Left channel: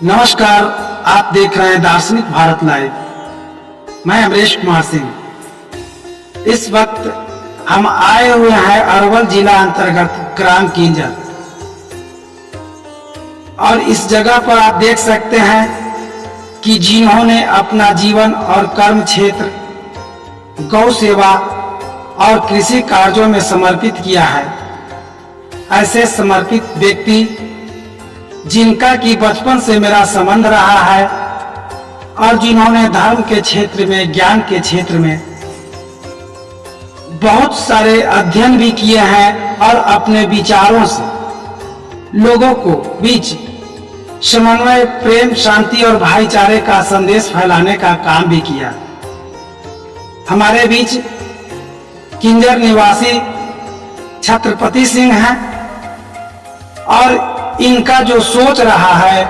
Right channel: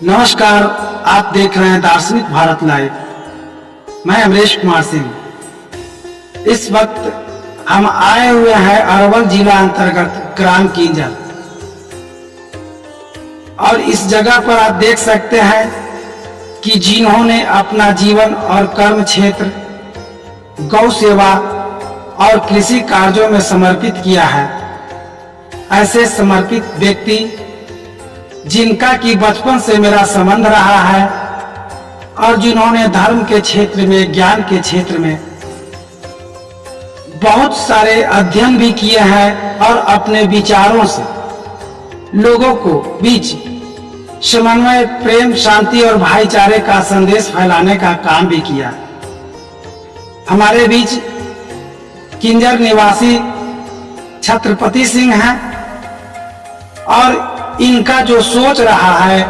नमस्कार, आप देख रहे हैं दार्शनिक भारत लाइव। मैं अमरेश कुमार सिंह। इस वक्त हम आए हुए हैं अरवल जिला अंतर्गत ग्राम किंजर, और इस जगह पर आप देख सकते हैं कि जिन्होंने अपना जीवन और कर्म क्षेत्र गौ सेवा और कृषि कार्यों में समर्पित किया है, ऐसे समर्पित व्यक्ति जिनका कि बचपन से मेरा संबंध रहा है और जिन्होंने धर्म के क्षेत्र में, ज्ञान के क्षेत्र में बहुत सारे अध्ययन भी किए हैं और अपने विचारों से लोगों को बीच समन्वय, प्रेम, शांति और भाईचारे का संदेश फैलाने का काम भी किया। हमारे बीच किंजर निवासी छत्रपति सिंह हैं और इनका जो सोच रहा है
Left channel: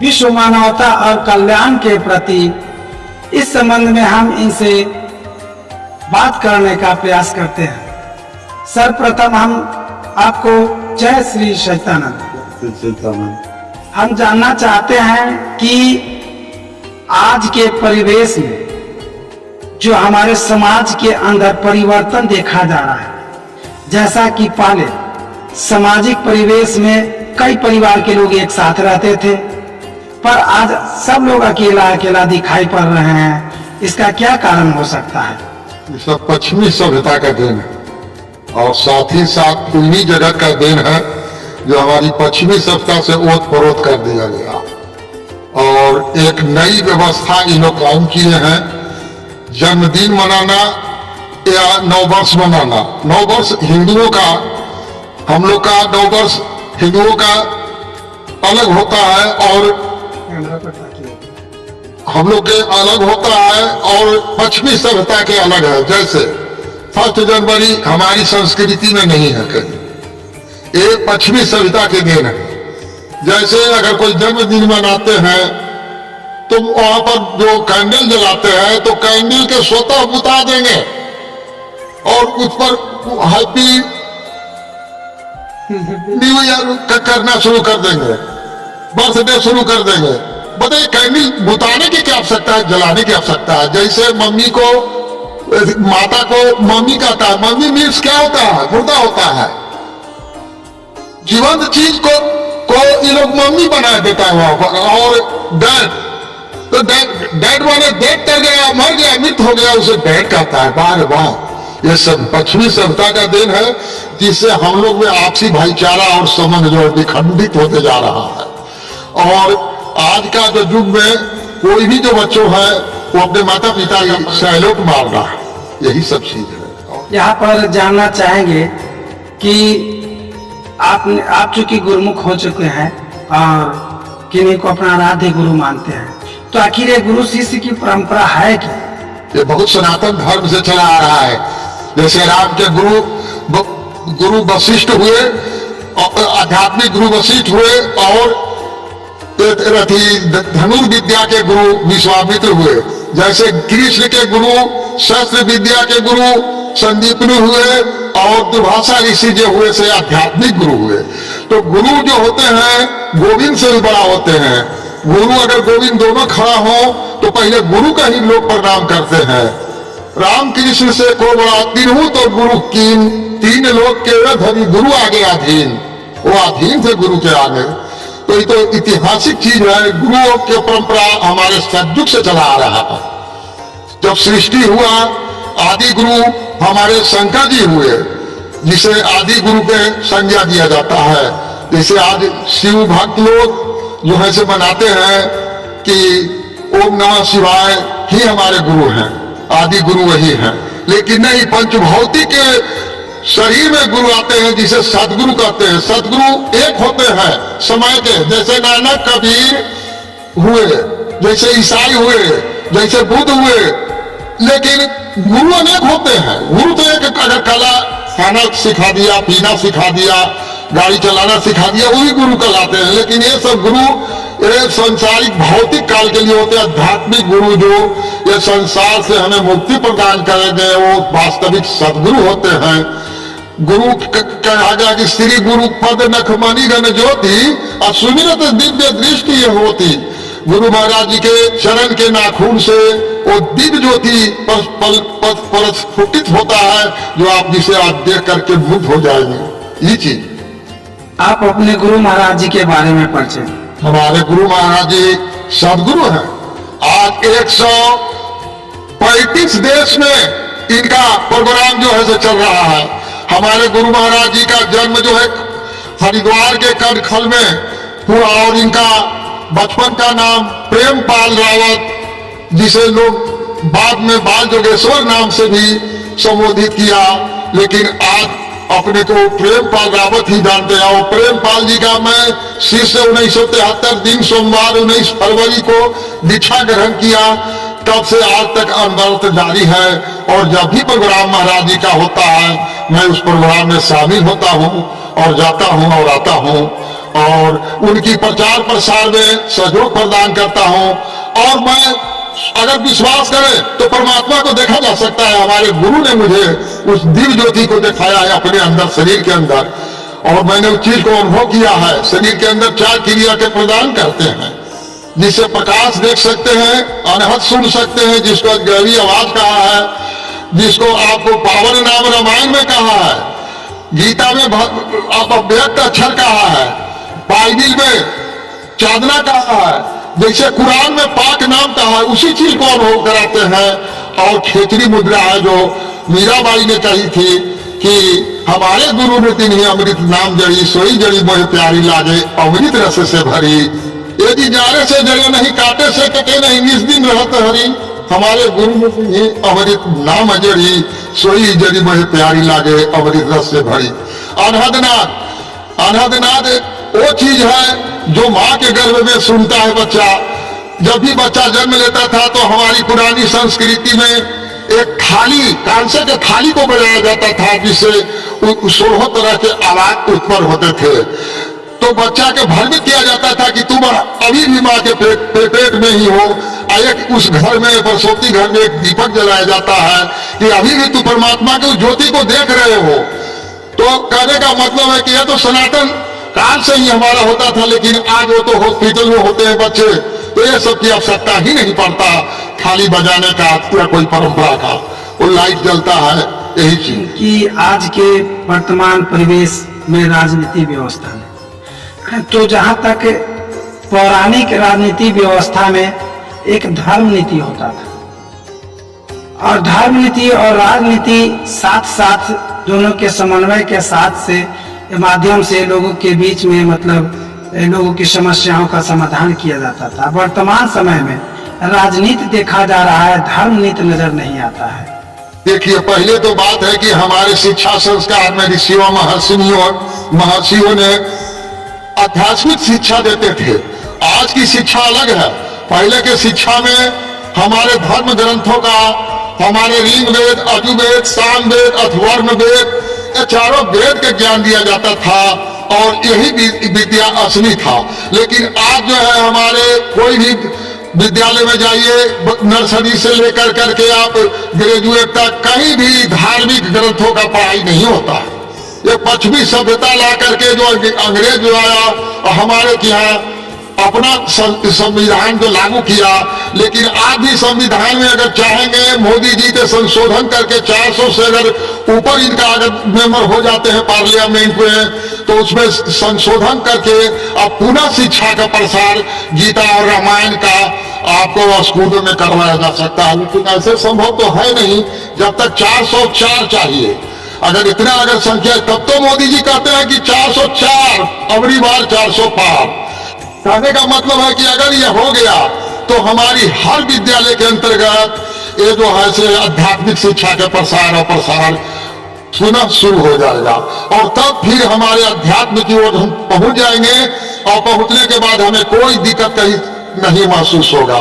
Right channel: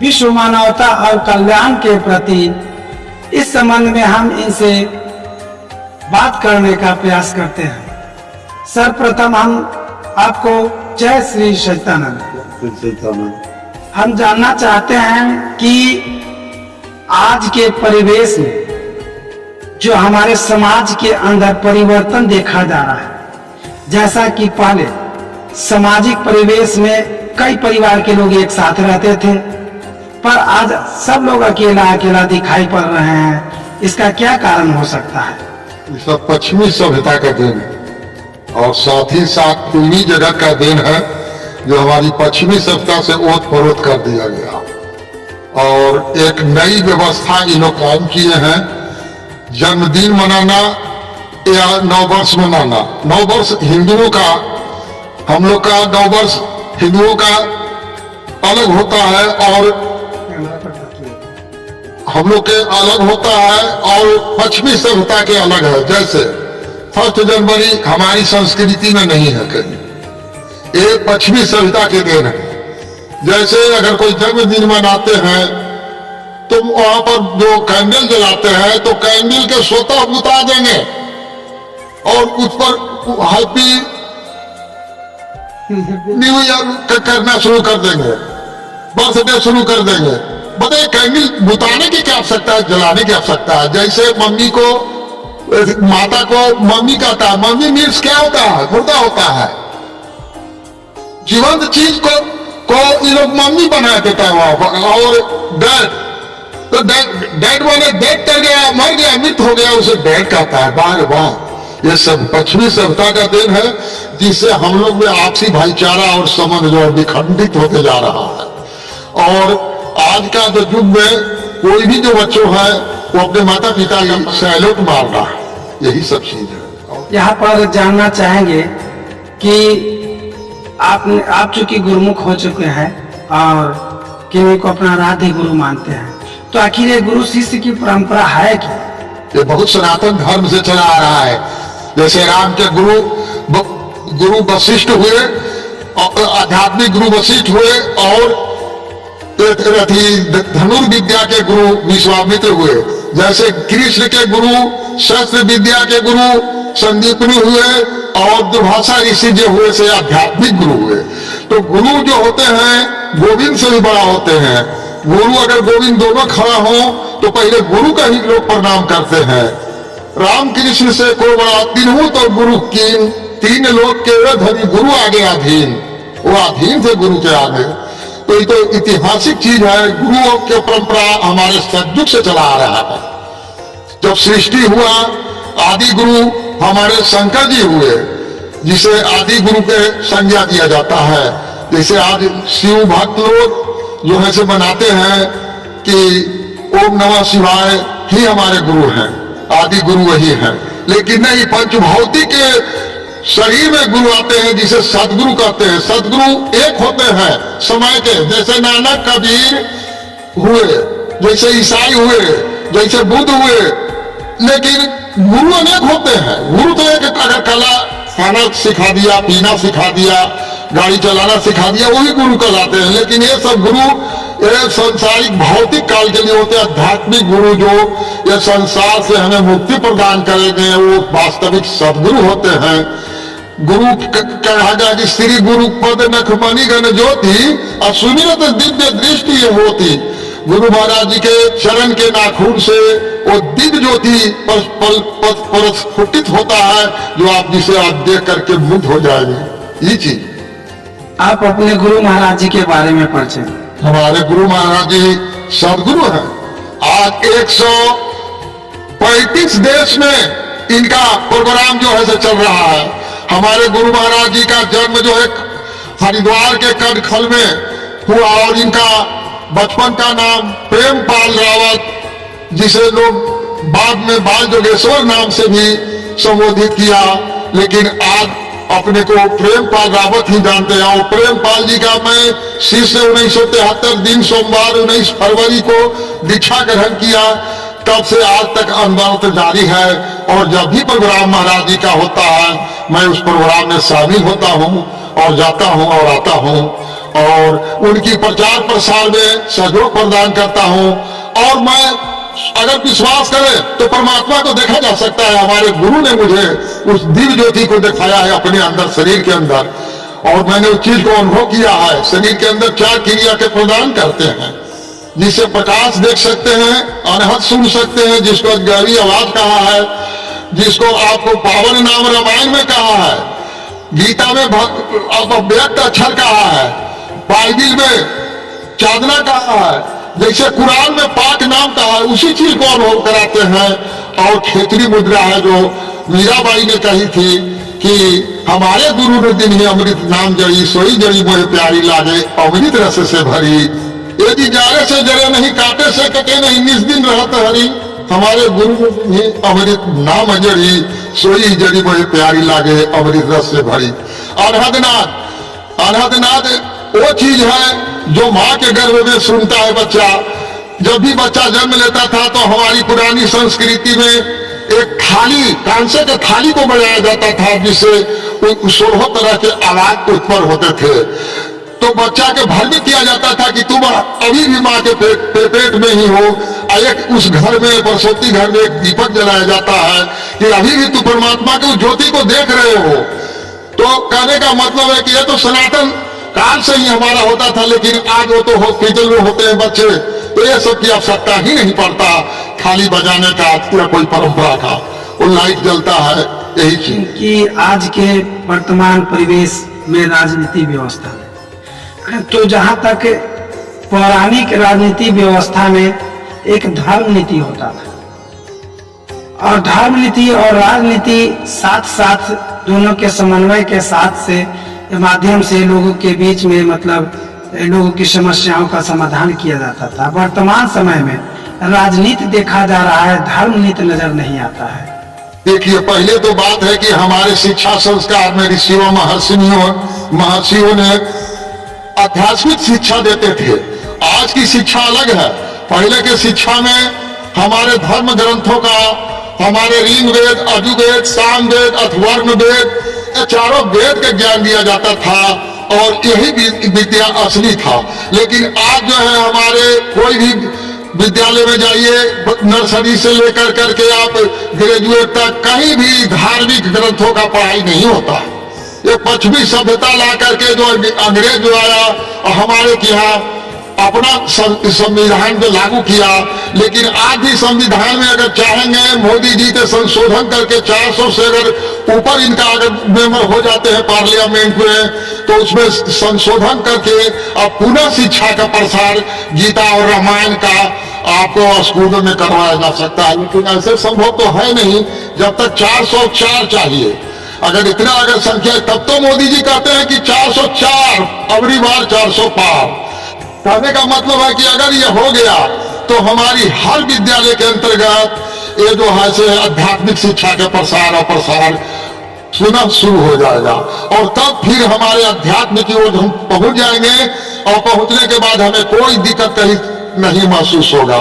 विश्व मानवता और कल्याण के प्रति, इस संबंध में हम इनसे बात करने का प्रयास करते हैं। सर्वप्रथम हम आपको जय श्री सच्चिदानंद। हम जानना चाहते हैं कि आज के परिवेश में जो हमारे समाज के अंदर परिवर्तन देखा जा रहा है, जैसा कि पहले सामाजिक परिवेश में कई परिवार के लोग एक साथ रहते थे, पर आज सब लोग अकेला अकेला दिखाई पड़ रहे हैं। इसका क्या कारण हो सकता है? ये सब पश्चिमी सभ्यता का देन है और साथ ही साथ पूर्वी जगत का देन है, जो हमारी पश्चिमी सभ्यता से ओत परोत कर दिया गया और एक नई व्यवस्था इन लोग कायम किए हैं। जन्मदिन मनाना या नववर्ष मनाना, नववर्ष हिंदुओं का, हम लोग का नववर्ष हिंदुओं का अलग होता है और हम लोग के अलग होता है और पश्चिमी सभ्यता के अलग है। जैसे 1 जनवरी हमारी संस्कृति में नहीं है कहीं, ये पश्चिमी सभ्यता के देन है। जैसे अगर कोई जन्मदिन मनाते हैं तो वहां पर जो कैंडल जलाते हैं तो कैंडल के स्वतः बुता देंगे और उस पर हैप्पी न्यू ईयर करना शुरू कर देंगे, बर्थडे शुरू कर देंगे। बताइए, कैंडल बुताने की क्या आवश्यकता है, जलाने की आवश्यकता है? जैसे मम्मी को, माता को मम्मी कहता है, मम्मी मीन्स क्या होता है? मुर्दा होता है। जीवंत चीज को ये लोग मम्मी बना देता है वहां पर। और डैड, तो डैड माने डेड कर गया, मर गया, मृत हो गया, उसे डैड कहता है। बार बार ये सब पश्चिमी सभ्यता का देन है, जिससे हम लोग में आपसी भाईचारा और संबंध जो है विखंडित होते जा रहा है। और आज का जो युग में कोई भी जो बच्चों है वो अपने माता पिता का सैल्यूट मारना, यही सब चीज है। यहाँ पर जानना चाहेंगे कि आप चूंकि गुरुमुख हो चुके हैं और किन्हीं को अपना आराध्य गुरु मानते हैं, तो आखिर ये गुरु शिष्य की परंपरा है कि? ये बहुत सनातन धर्म से चला आ रहा है। जैसे राम के गुरु वशिष्ठ हुए, आध्यात्मिक गुरु वशिष्ठ हुए, और धनुर्विद्या के गुरु विश्वामित्र हुए। जैसे कृष्ण के गुरु शस्त्र विद्या के गुरु संदीपनु हुए, और दुर्भाषा ऋषि जो हुए से आध्यात्मिक गुरु हुए। तो गुरु जो होते हैं गोविंद से भी बड़ा होते हैं। गुरु अगर गोविंद दोनों खड़ा हो तो पहले गुरु का ही लोग प्रणाम करते हैं। राम कृष्ण से को बड़ा तीनों तो गुरु कीन, 3 लोग के धरी गुरु आगे अधीन, वो अधीन थे गुरु के आगे। तो ये तो ऐतिहासिक चीज है। गुरुओं की परंपरा हमारे सतयुग से चला आ रहा है। जब सृष्टि हुआ, आदि गुरु हमारे शंकर जी हुए, जिसे आदि गुरु के संज्ञा दिया जाता है। जैसे आज शिव भक्त लोग जो है से बनाते हैं कि ओम नमः शिवाय ही हमारे गुरु हैं, आदि गुरु वही हैं। लेकिन नहीं, पंचभौतिक शरीर में गुरु आते हैं जिसे सतगुरु कहते हैं। सतगुरु एक होते हैं समय के, जैसे नानक कबीर हुए, जैसे ईसाई हुए, जैसे बुद्ध हुए। लेकिन गुरु अनेक होते हैं। गुरु तो एक, अगर कला खाना सिखा दिया, पीना सिखा दिया, गाड़ी चलाना सिखा दिया, वो भी गुरु कहलाते हैं। लेकिन ये सब गुरु ये संसारिक भौतिक काल के लिए होते हैं। आध्यात्मिक गुरु जो ये संसार से हमें मुक्ति प्रदान करेंगे, वो वास्तविक सदगुरु होते हैं। गुरु कहा कि श्री गुरु पद नखमणि गण ज्योति असुमिरत दिव्य दृष्टि ये होती। गुरु महाराज जी के चरण के नाखून से वो दिव्य ज्योति प्रस्फुटित होता है, जो आप जिसे आप देख करके मुग्ध हो जाएंगे। ये चीज आप अपने गुरु महाराज जी के बारे में परिचय। हमारे गुरु महाराज जी सदगुरु हैं। आज 135 देश में इनका प्रोग्राम जो है से चल रहा है। हमारे गुरु महाराज जी का जन्म जो है हरिद्वार के कनखल में हुआ और इनका बचपन का नाम प्रेमपाल रावत, जिसे लोग बाद में बाल जोगेश्वर नाम से भी संबोधित किया, लेकिन आज अपने को प्रेमपाल रावत ही जानते हैं। और प्रेमपाल जी का मैं शिष्य 1973 दिन सोमवार 19 फरवरी को दीक्षा ग्रहण किया, तब से आज तक अनवरत जारी है। और जब भी प्रोग्राम महाराज जी का होता है, मैं उस प्रोग्राम में शामिल होता हूँ और जाता हूँ और आता हूँ, और उनकी प्रचार प्रसार में सहयोग प्रदान करता हूँ। और मैं अगर विश्वास करें तो परमात्मा को देखा जा सकता है। हमारे गुरु ने मुझे उस दिव्य ज्योति को दिखाया है अपने अंदर, शरीर के अंदर, और मैंने उस चीज को अनुभव किया है। शरीर के अंदर 4 क्रिया के प्रदान करते हैं, जिससे प्रकाश देख सकते हैं, अनहद सुन सकते हैं, जिसको गहरी आवाज कहा है, जिसको आपको पावन नाम रामायण में कहा है, गीता में अव्यक्त अक्षर कहा है, बाइबिल में चांदना कहा है, जैसे कुरान में पाक नाम कहा है, उसी चीज को अनुभव कराते हैं। और खेचरी मुद्रा है जो मीराबाई ने कही थी कि हमारे गुरु ने दिन ही अमृत नाम जड़ी, सोई जड़ी मोहे प्यारी लागे, अमृत रस से भरी। यदि जारे से जरे नहीं, काटे से कटे नहीं, निज दिन रहत हरी। हमारे गुरु ने दिन ही अमृत नाम जड़ी, सोई जड़ी मोहे प्यारी लागे, अमृत रस से भरी। अनहदनाद, अनहदनाद वो चीज है जो माँ के गर्भ में सुनता है बच्चा। जब भी बच्चा जन्म लेता था तो हमारी पुरानी संस्कृति में एक थाली, कांसे के थाली को बजाया जाता था, जिससे 16 तरह के आवाज उत्पन्न होते थे। तो बच्चा के भ्रमित किया जाता था कि तुम अभी भी माँ के पेट में ही हो। एक उस घर में, प्रसूति घर में एक दीपक जलाया जाता है कि अभी भी तू परमात्मा के उस ज्योति को देख रहे हो। तो कहने का मतलब है कि यह तो सनातन काल से ही हमारा होता था, लेकिन आज वो तो हॉस्पिटल में होते हैं बच्चे, तो ये सब की आवश्यकता ही नहीं पड़ता थाली बजाने का या कोई परंपरा का। वो लाइट जलता है, यही चीज कि आज के वर्तमान परिवेश में राजनीति व्यवस्था में, तो जहाँ तक पौराणिक राजनीति व्यवस्था में एक धर्म नीति होता था, और धर्म नीति और राजनीति साथ साथ दोनों के समन्वय के साथ से माध्यम से लोगों के बीच में मतलब लोगों की समस्याओं का समाधान किया जाता था। वर्तमान समय में राजनीति देखा जा रहा है, धर्म नीति नजर नहीं आता है। देखिए, पहले तो बात है कि हमारे शिक्षा संस्कार में ऋषियों महर्षियों ने आध्यात्मिक शिक्षा देते थे। आज की शिक्षा अलग है। पहले के शिक्षा में हमारे धर्म ग्रंथों का, हमारे ऋग वेद, यजुर्वेद, सामवेद, अथर्वण वेद, ये चारों वेद के ज्ञान दिया जाता था, और यही विद्या असली था। लेकिन आज जो है हमारे कोई भी विद्यालय में जाइए, नर्सरी से लेकर करके आप ग्रेजुएट तक, कहीं भी धार्मिक ग्रंथों का पढ़ाई नहीं होता। ये पश्चिमी सभ्यता ला करके जो अंग्रेज जो आया और हमारे यहाँ अपना संविधान जो लागू किया, लेकिन आज भी संविधान में अगर चाहेंगे मोदी जी के संशोधन करके 400 से अगर ऊपर इनका अगर मेंबर हो जाते हैं पार्लियामेंट में, तो उसमें संशोधन करके अब पुनः शिक्षा का प्रसार गीता और रामायण का आपको स्कूलों में करवाया जा सकता है। लेकिन ऐसे संभव तो है नहीं जब तक 404 चाहिए। अगर इतना अगर संख्या, तब तो मोदी जी कहते हैं कि 404, अगली बार 400 पार। कहने का मतलब है कि अगर ये हो गया तो हमारी हर विद्यालय के अंतर्गत ये जो है से आध्यात्मिक शिक्षा के प्रसार और प्रसार पुनः शुरू हो जाएगा, और तब फिर हमारे अध्यात्म की ओर हम पहुंच जाएंगे। और पहुंचने के बाद हमें कोई दिक्कत कहीं नहीं महसूस होगा,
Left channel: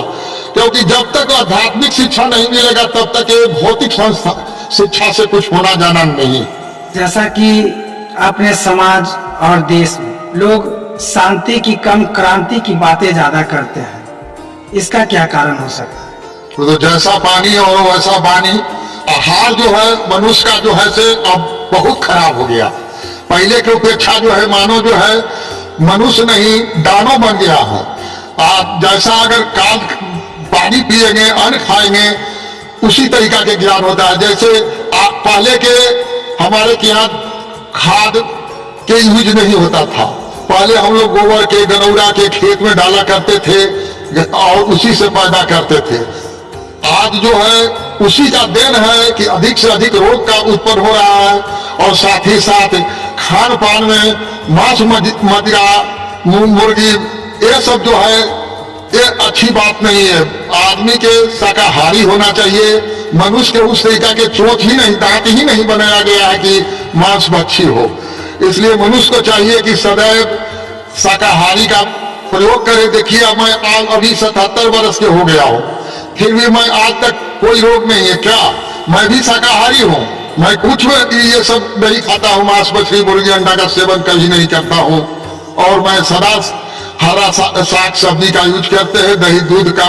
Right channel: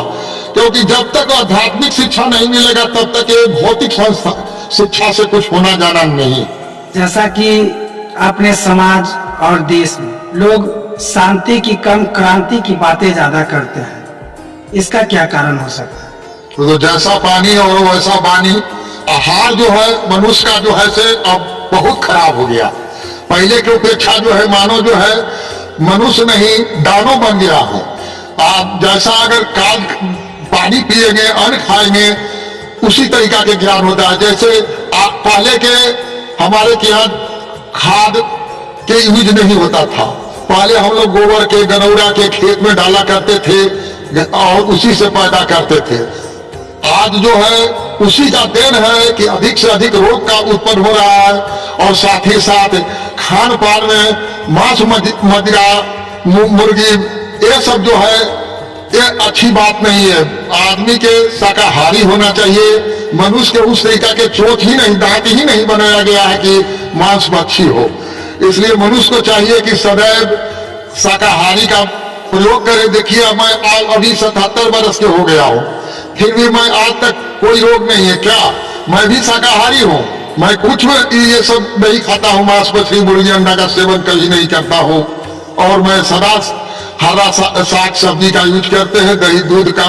क्योंकि जब तक आध्यात्मिक शिक्षा नहीं मिलेगा तब तक ये भौतिक संस्था शिक्षा से कुछ होना जाना नहीं। जैसा कि अपने समाज और देश में लोग शांति की कम, क्रांति की बातें ज्यादा करते हैं, इसका क्या कारण हो सकता है? तो जैसा पानी और वैसा वाणी, आहार जो है मनुष्य का जो है से अब बहुत खराब हो गया। पहले की अपेक्षा जो है मानो जो है मनुष्य नहीं दानव बन गया है। जैसा अगर काज पानी पिएंगे अन्न खाएंगे उसी तरीका के ज्ञान होता है। जैसे पहले के हमारे के यहाँ खाद के यूज नहीं होता था। पहले हम लोग गोबर के गनौरा के खेत में डाला करते थे और उसी से पैदा करते थे। आज जो है उसी का देन है कि अधिक से अधिक रोग का उत्पन्न हो रहा है और साथ ही साथ खान पान में मांस मदिरा मुर्गी ये सब जो है ये अच्छी बात नहीं है। आदमी के शाकाहारी होना चाहिए। मनुष्य के उस तरीका के चोंच ही नहीं दांत ही नहीं बनाया गया है कि मांस मच्छी हो। इसलिए मनुष्य को चाहिए कि सदैव शाकाहारी का प्रयोग करे। देखिए मैं आज अभी 77 वर्ष के हो गया हूँ, फिर भी मैं आज तक कोई रोग नहीं है। क्या मैं भी शाकाहारी हूँ? मैं कुछ ये सब नहीं खाता हूँ, मांस मछली मुर्गी अंडा का सेवन कभी नहीं करता हूँ। और मैं सदा हरा साग सब्जी का यूज करते हैं, दही दूध का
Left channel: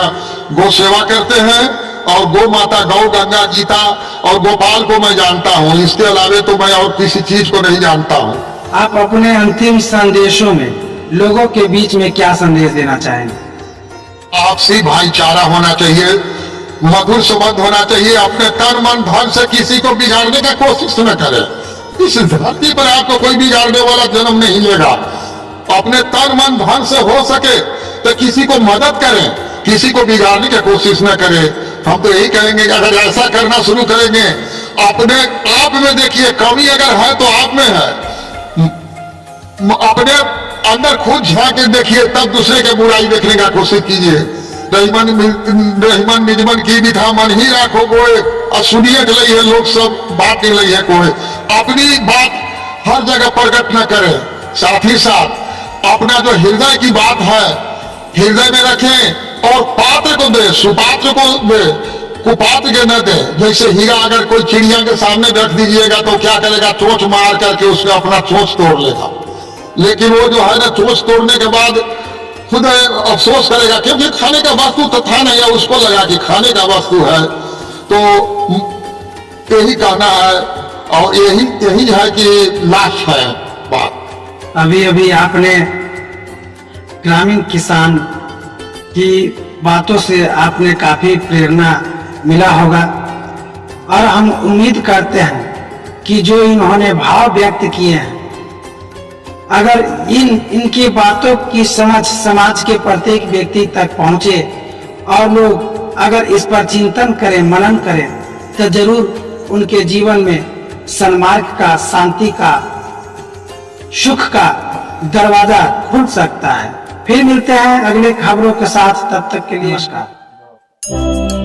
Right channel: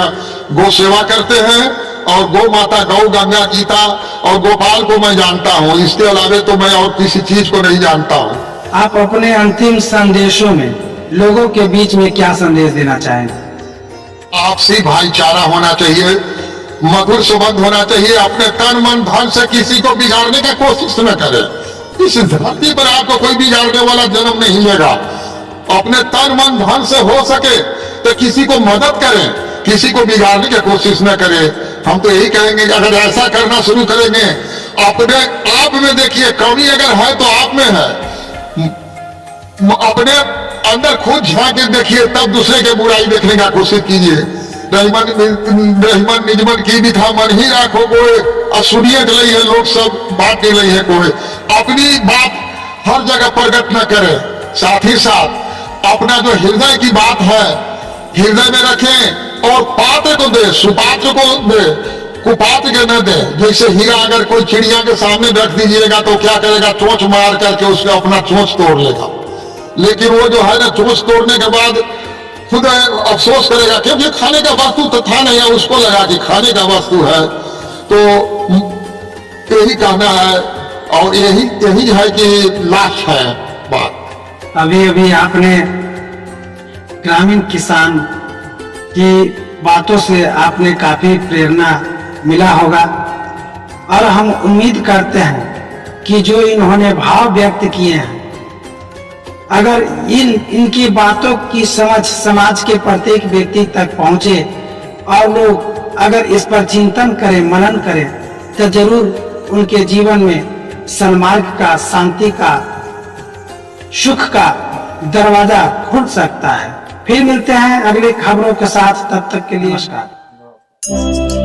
गौ सेवा करते हैं और गौ माता गौ गंगा गीता और गोपाल को मैं जानता हूँ। इसके अलावा तो मैं और किसी चीज को नहीं जानता हूँ। आप अपने अंतिम संदेशों में लोगों के बीच में क्या संदेश देना चाहेंगे? आपसी भाईचारा होना चाहिए, मधुर संबंध होना चाहिए। अपने तन मन धन से किसी को बिगाड़ने का कोशिश न करें। इस धरती पर आपको कोई बिगाड़ने वाला जन्म नहीं लेगा। अपने तन मन धन से हो सके तो किसी को मदद करें, किसी को बिगाड़ने की कोशिश न करें। हम तो यही कहेंगे कि अगर ऐसा करना शुरू करेंगे, अपने आप में देखिए कमी अगर है तो आप में है। अपने अंदर खुद झांक के देखिए तब दूसरे के बुराई देखने का कोशिश कीजिए। रहीमन निजमन की भी था मन ही राखो गोए और सुनिए के लिए लोग सब बात के लिए कोई अपनी बात हर जगह प्रकट न करे। साथ ही साथ अपना जो हृदय की बात है हृदय में रखें और पात्र को दे, सुपात्र को दे, कुपात्र के न दे। जैसे हीरा अगर कोई चिड़िया के सामने रख दीजिएगा तो क्या करेगा, चोंच मार करके उसका अपना चोंच तोड़ लेगा। लेकिन वो जो है ना चोंच तोड़ने के बाद खुद अफसोस करेगा क्योंकि खाने का वस्तु तो था नहीं, उसको लगा कि खाने का वस्तु है। तो यही कहना है और यही है कि लास्ट है बात। अभी अभी आपने ग्रामीण किसान की बातों से आपने काफी प्रेरणा मिला होगा और हम उम्मीद करते हैं कि जो इन्होंने भाव व्यक्त किए हैं, अगर इनकी बातों की समझ समाज के प्रत्येक व्यक्ति तक पहुंचे और लोग अगर इस पर चिंतन करें, मनन करें, तो जरूर उनके जीवन में सन्मार्ग का, शांति का, सुख का दरवाजा खुल सकता है। फिर मिलते हैं अगले खबरों के साथ, तब तक के लिए नमस्कार।